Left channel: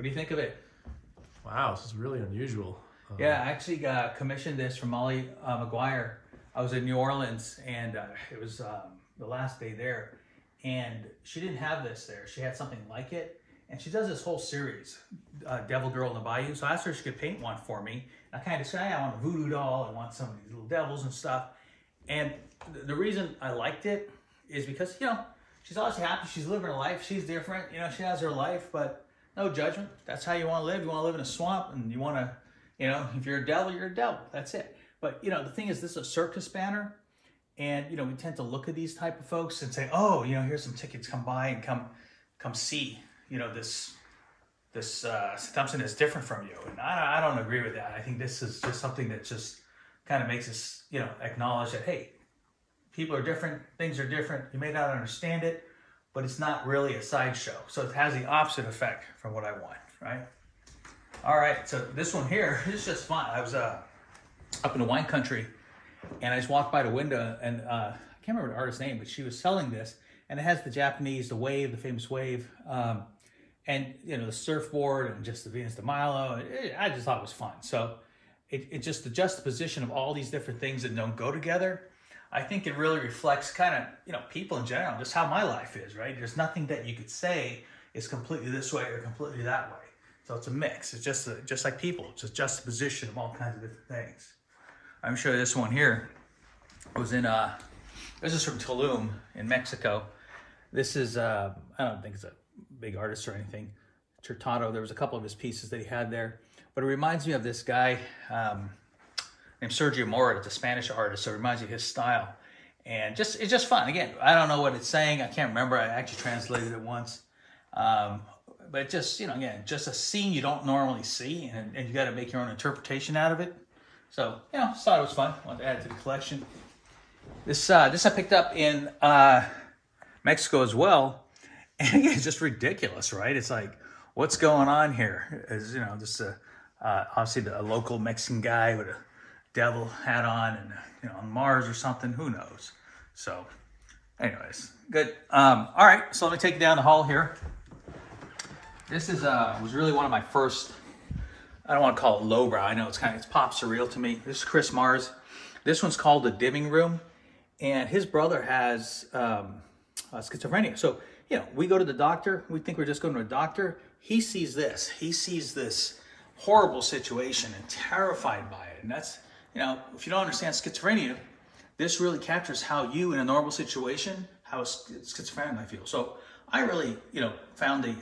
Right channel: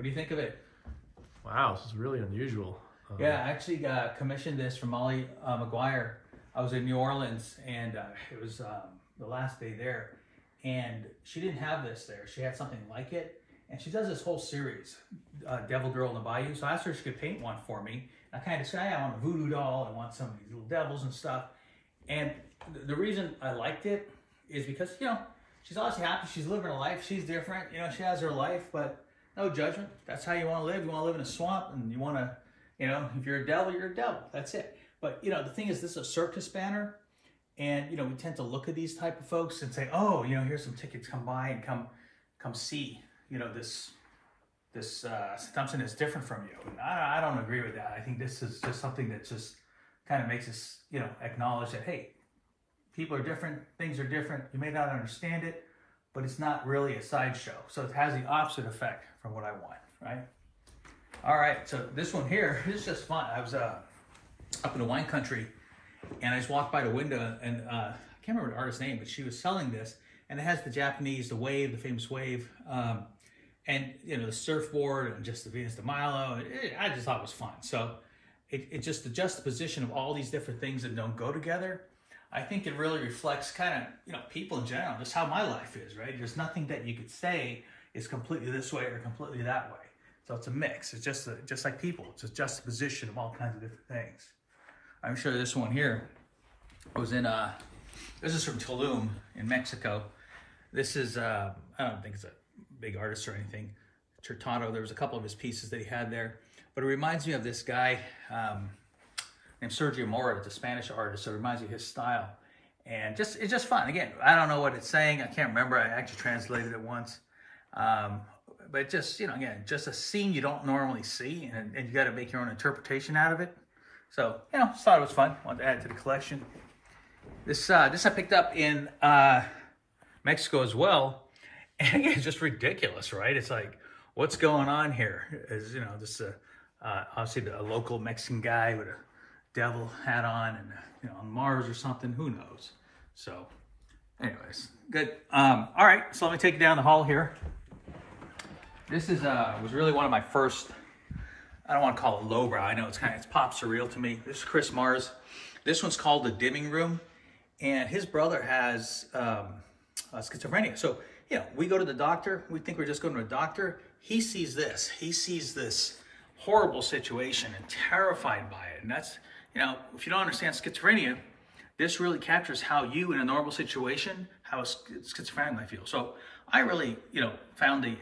What do you think of it? Wow, this is really unusual. Yeah, I actually commissioned this from Molly McGuire. I was in New Orleans, and it was the last day there, and she didn't have this there. She had something like it, and she does this whole series, Devil Girl in the Bayou. So I asked her if she could paint one for me. I kind of said, hey, I want a voodoo doll. I want some of these little devils and stuff. And the reason I liked it is because, you know, she's obviously happy. She's living her life. She's different. You know, she has her life, but no judgment. That's how you want to live. You want to live in a swamp, and you want to, you know, if you're a devil, you're a devil. That's it. But, you know, the thing is, this is a circus banner. And, you know, we tend to look at these type of folks and say, oh, you know, here's some tickets. Come by and come see, you know, this something that's different from you. And I don't agree with that. I think this is just something that just kind of makes us, you know, acknowledge that, hey, people are different, things are different. You may not understand it, but it's not really a sideshow. So it has the opposite effect from what I want, right? All right, so this one here is just fun. I was up in the wine country, and I just walked by the window, and I can't remember the artist's name, but she was selling this, and it has the Japanese, the wave, the famous wave, and, you know, the surfboard and just the Venus de Milo. I just thought it was fun. So it just, the juxtaposition of all these different things that don't go together, I think it really reflects kind of, you know, people in general, just how my life is, right? There's nothing that you could say is completely this way or completely that way. So it's a mix. It's just like people. It's a juxtaposition of all kinds of different things. I'm sure this one here, I was in, this is from Tulum in Mexico. This is, I don't think it's a big artist or anything. Chertado, there was a couple of his pieces that he had there. But it reminds me of this guy named Sergio Mora. It's a Spanish artist, so it reminds me of his style. And it's just fun. Again, I don't know what it's saying. I can't remember. I actually translated it once. But just, you know, again, just a scene you don't normally see, and you got to make your own interpretation out of it. So, you know, just thought it was fun. Wanted to add it to the collection. This I picked up in Mexico as well. And again, it's just ridiculous, right? It's like, what's going on here? Is, you know, just obviously a local Mexican guy with a devil hat on, and you know, on Mars or something. Who knows? So, anyways, good. All right, so let me take you down the hall here. This is was really one of my first. I don't want to call it lowbrow. I know it's pop surreal to me. This is Chris Mars. This one's called The Dimming Room, and his brother has schizophrenia. So, you know, we go to the doctor. We think we're just going to a doctor. He sees this. He sees this horrible situation and terrified by it. And that's, you know, if you don't understand schizophrenia, this really captures how you, in a normal situation, how a schizophrenic might feel. So I really, you know, found the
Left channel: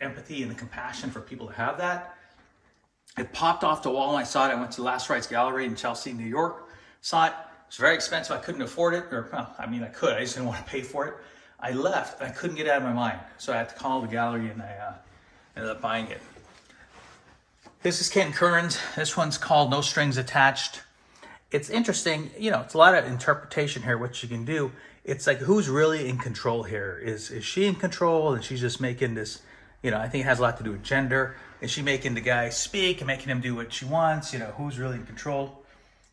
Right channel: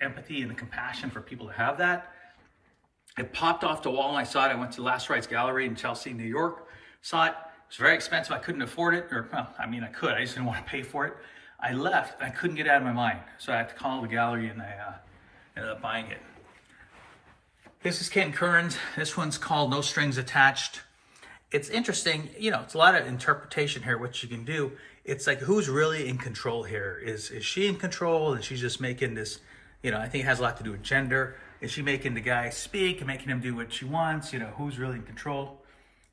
empathy and the compassion for people that have that. It popped off the wall and I saw it. I went to the Last Rites Gallery in Chelsea, New York. Saw it. It was very expensive. I couldn't afford it. Or, well, I mean, I could. I just didn't want to pay for it. I left. And I couldn't get it out of my mind. So I had to call the gallery, and I ended up buying it. This is Ken Curran's. This one's called No Strings Attached. It's interesting. You know, it's a lot of interpretation here, what you can do. It's like, who's really in control here? Is she in control? And she's just making this, you know, I think it has a lot to do with gender. Is she making the guy speak and making him do what she wants? You know, who's really in control?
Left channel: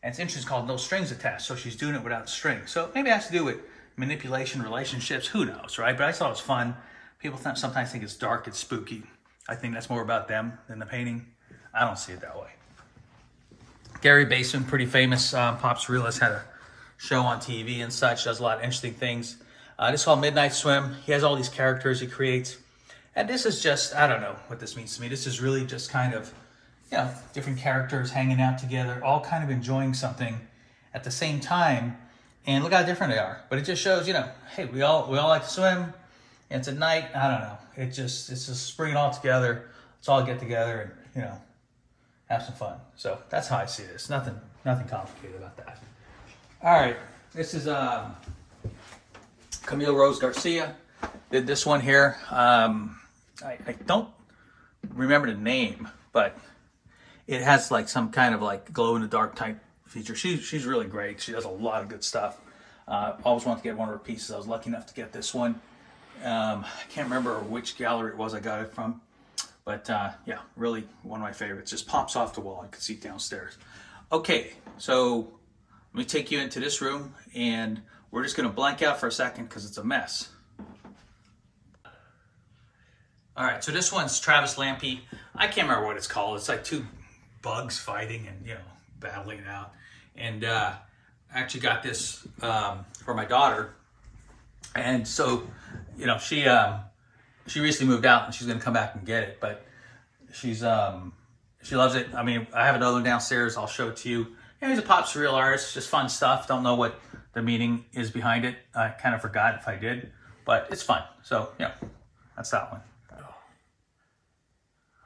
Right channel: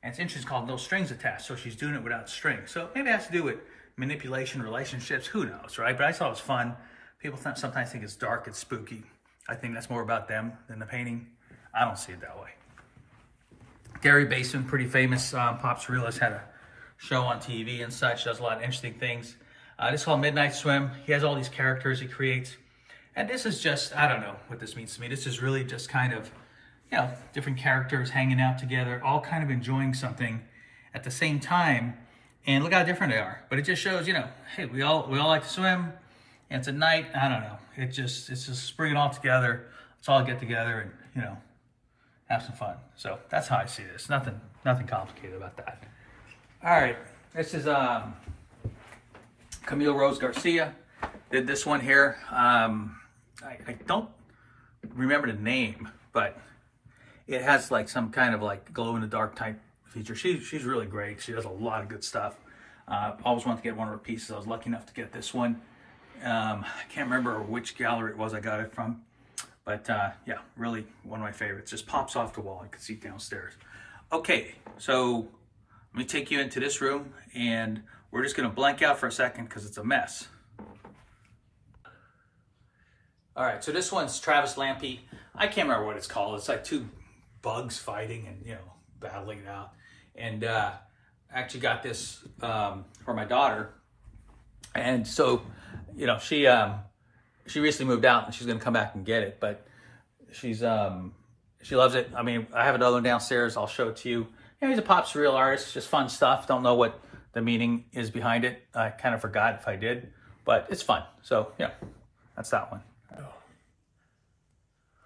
And it's interesting, it's called No Strings Attached. So she's doing it without strings. So maybe it has to do with manipulation, relationships, who knows, right? But I thought it was fun. People sometimes think it's dark, it's spooky. I think that's more about them than the painting. I don't see it that way. Gary Baseman, pretty famous pop surrealist, had a show on TV and such, does a lot of interesting things. This is called Midnight Swim. He has all these characters he creates. And this is just, I don't know what this means to me. This is really just kind of, you know, different characters hanging out together, all kind of enjoying something at the same time. And look how different they are. But it just shows, you know, hey, we all like to swim. And it's a night, I don't know. It's just bring it all together. Let's all get together and, you know, have some fun. So that's how I see this. Nothing complicated about that. All right, this is Camille Rose Garcia. Did this one here. I don't remember the name, but it has like some kind of like glow in the dark type feature. She's really great. She does a lot of good stuff. Always wanted to get one of her pieces. I was lucky enough to get this one. I can't remember which gallery it was I got it from, but yeah, really one of my favorites. Just pops off the wall. You can see it downstairs. Okay, so let me take you into this room, and we're just going to blank out for a second because it's a mess. All right, so this one's Travis Lampy. I can't remember what it's called. It's like two bugs fighting and, you know, battling it out. And I actually got this for my daughter. And so, you know, she recently moved out and she's going to come back and get it. But she loves it. I mean, I have another one downstairs. I'll show it to you. Yeah, he's a pop surreal artist. Just fun stuff. Don't know what the meaning is behind it. I kind of forgot if I did. But it's fun. So, yeah, that's that one.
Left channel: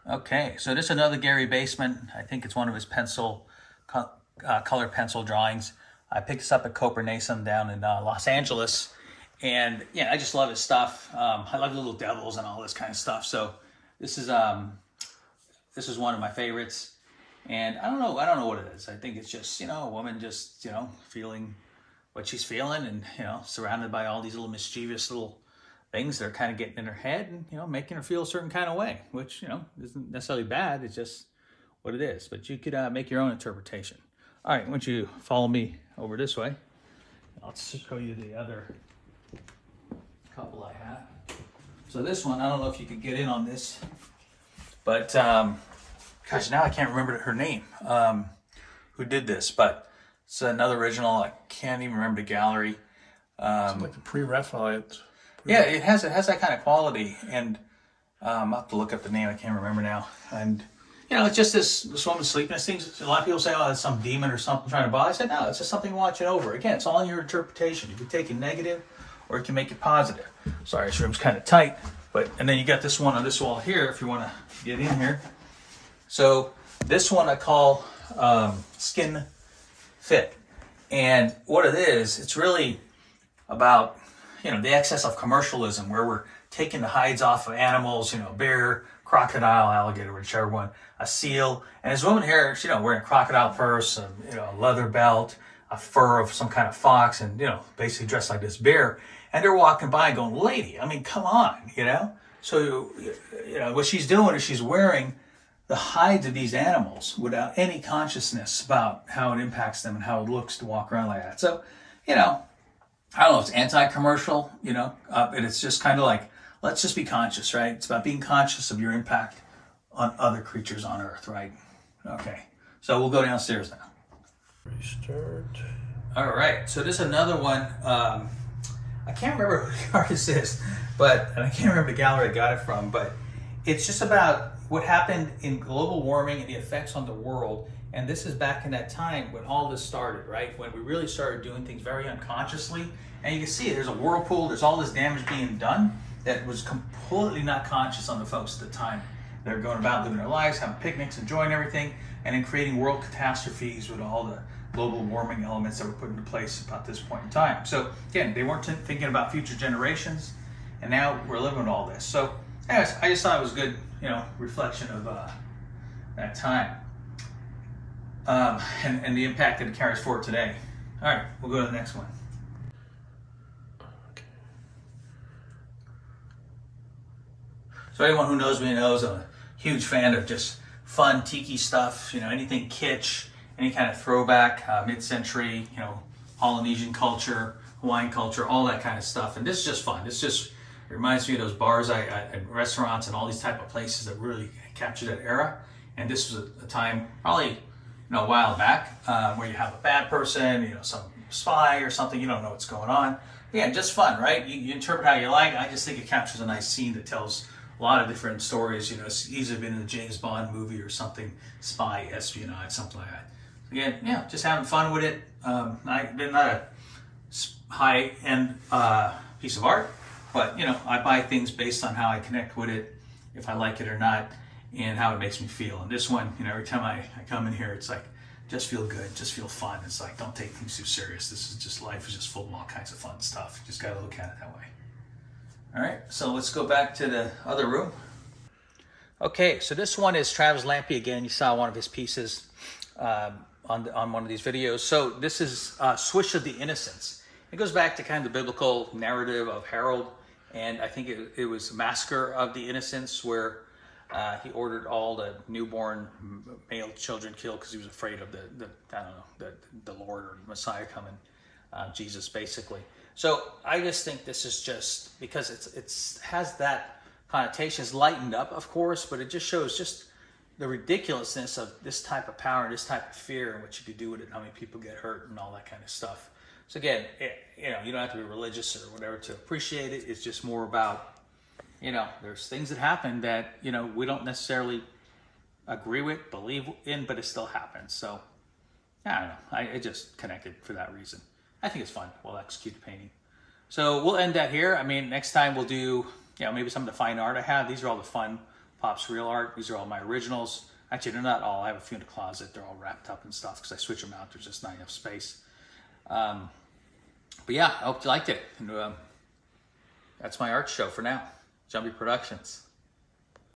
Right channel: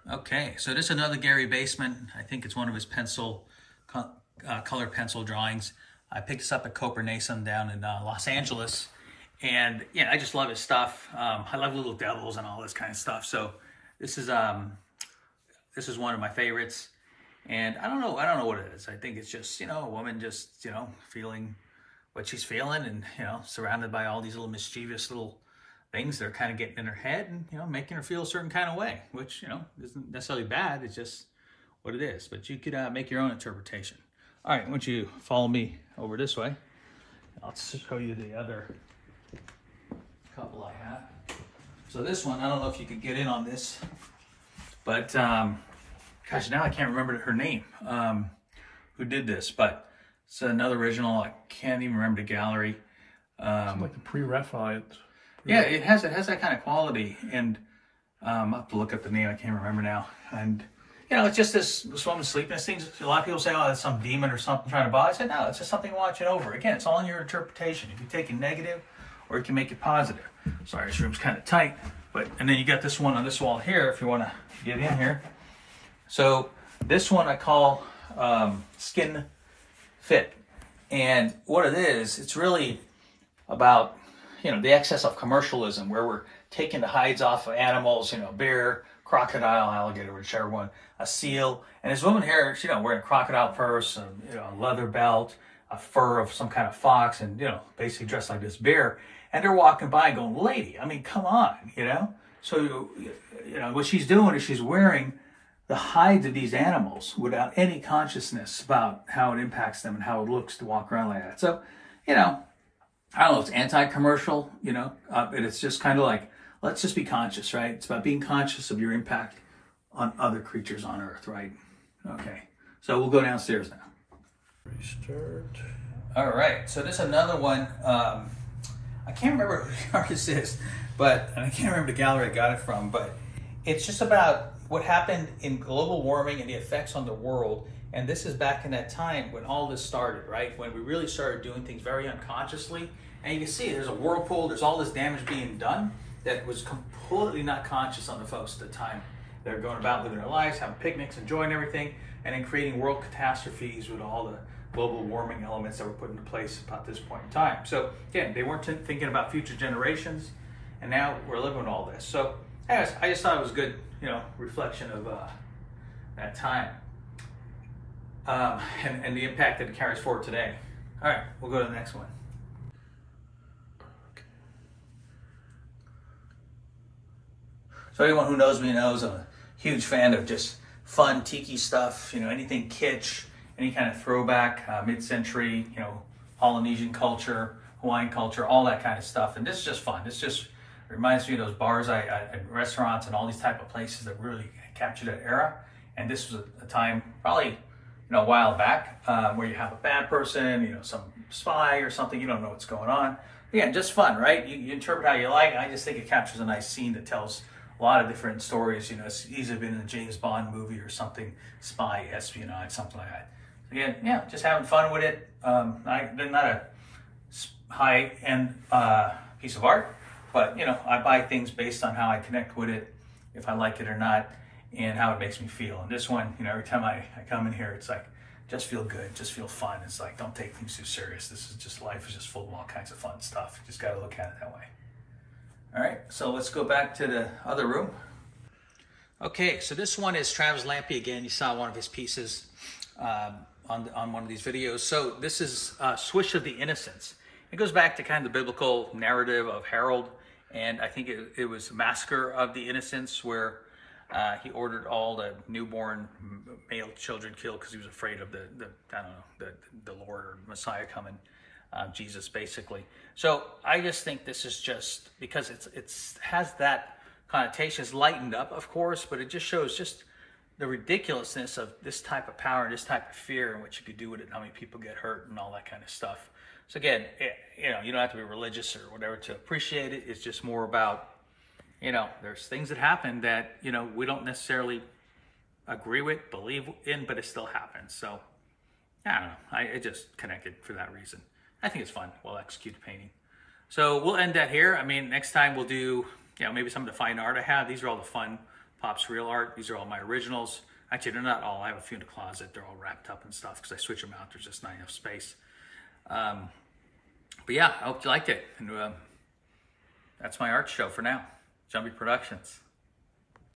Okay, so this is another Gary Basement. I think it's one of his colored pencil drawings. I picked this up at Copernason down in Los Angeles. And yeah, I just love his stuff. I love little devils and all this kind of stuff. So this is one of my favorites. And I don't know what it is. I think it's just, you know, a woman just, you know, feeling what she's feeling and, you know, surrounded by all these little mischievous little things that are kind of getting in her head and, you know, making her feel a certain kind of way, which, you know, isn't necessarily bad. It's just what it is. But you could make your own interpretation. All right, why don't you follow me over this way? I'll show you the other couple I have. So this one, I don't know if you could get in on this, but gosh, now I can't remember her name, who did this, but it's another original. I can't even remember the gallery. It's like a pre-Raphaelite. Yeah, it has that kind of quality, and I'll have to look up the name. I can't remember now. And you know, it's just this woman sleeping. This thing's, a lot of people say, "Oh, it's some demon or something trying to bother." I said, "No, it's just something watching over." Again, it's all in your interpretation. You can take it negative, or you can make it positive. Sorry, this room's kind of tight, but and then you got this one on this wall here. If you want to get in here, so this one I call Skin Fit, and what it is, it's really about, you know, the excess of commercialism where we're taking the hides off of animals, you know, bear, crocodile, alligator, whichever one, a seal. And this woman here, you know, wearing a crocodile purse, you know, a leather belt, a fur of some kind of fox, and, you know, basically dressed like this bear. And they're walking by going, lady, I mean, come on, you know? So, you know, what she's doing is she's wearing the hides of these animals without any consciousness about how it impacts them and how it looks to walk around like that. So, you know, I don't know if it's anti-commercial, you know, but it's just kind of like, let's just be conscious, right? It's about being conscious of your impact on other creatures on Earth, right? Okay, so we'll go downstairs now. Restart. All right, so this is another one. I can't remember who the artist is, but and I can't remember the gallery I got it from, but it's just about what happened in global warming and the effects on the world. And this is back in that time when all this started, right? When we really started doing things very unconsciously. And you can see there's a whirlpool, there's all this damage being done that was completely not conscious on the folks at the time. They're going about living their lives, having picnics, enjoying everything, and then creating world catastrophes with all the global warming elements that were put into place about this point in time. So again, they weren't thinking about future generations, and now we're living with all this. So anyways, I just thought it was a good, you know, reflection of that time. And the impact that it carries forward today. All right, we'll go to the next one. Okay. So anyone who knows me knows I'm a huge fan of just fun tiki stuff, you know, anything kitsch, any kind of throwback, mid-century, you know, Polynesian culture, Hawaiian culture, all that kind of stuff. And this is just fun. This just reminds me of those bars and restaurants and all these type of places that really captured that era. And this was a time, probably, you know, a while back, where you have a bad person, you know, some spy or something, you don't know what's going on. Yeah, just fun, right? You interpret how you like. I just think it captures a nice scene that tells a lot of different stories. You know, it's easily been in a James Bond movie or something, spy, espionage, something like that. Again, yeah, just having fun with it. They're not a high-end piece of art, but, you know, I buy things based on how I connect with it, if I like it or not, and how it makes me feel. And this one, you know, every time I come in here, it's like, just feel good, just feel fun. It's like, don't take things too serious. This is just, life is just full of all kinds of fun stuff. You just got to look at it that way. All right, so let's go back to the other room. Okay, so this one is Travis Lampy again. You saw one of his pieces on one of these videos. So this is Swish of the Innocents. It goes back to kind of the biblical narrative of Harold, and I think it was Massacre of the Innocents, where he ordered all the newborn male children killed because he was afraid of the Lord or Messiah coming, Jesus basically. So I just think this is just because it's has that connotations lightened up, of course, but it just shows just the ridiculousness of this type of power and this type of fear and what you could do with it, and how many people get hurt and all that kind of stuff. So again, you know, you don't have to be religious or whatever to appreciate it. It's just more about, you know, there's things that happen that, you know, we don't necessarily agree with, believe in, but it still happens. So I don't know. I just connected for that reason. I think it's fun. We'll execute the painting. So we'll end that here. I mean, next time we'll do, you know, maybe some of the fine art I have. These are all the fun Pop Surreal Art. These are all my originals. Actually, they're not all. I have a few in the closet. They're all wrapped up and stuff because I switch them out. There's just not enough space. But yeah, I hope you liked it. And that's my art show for now. Jumpy Productions.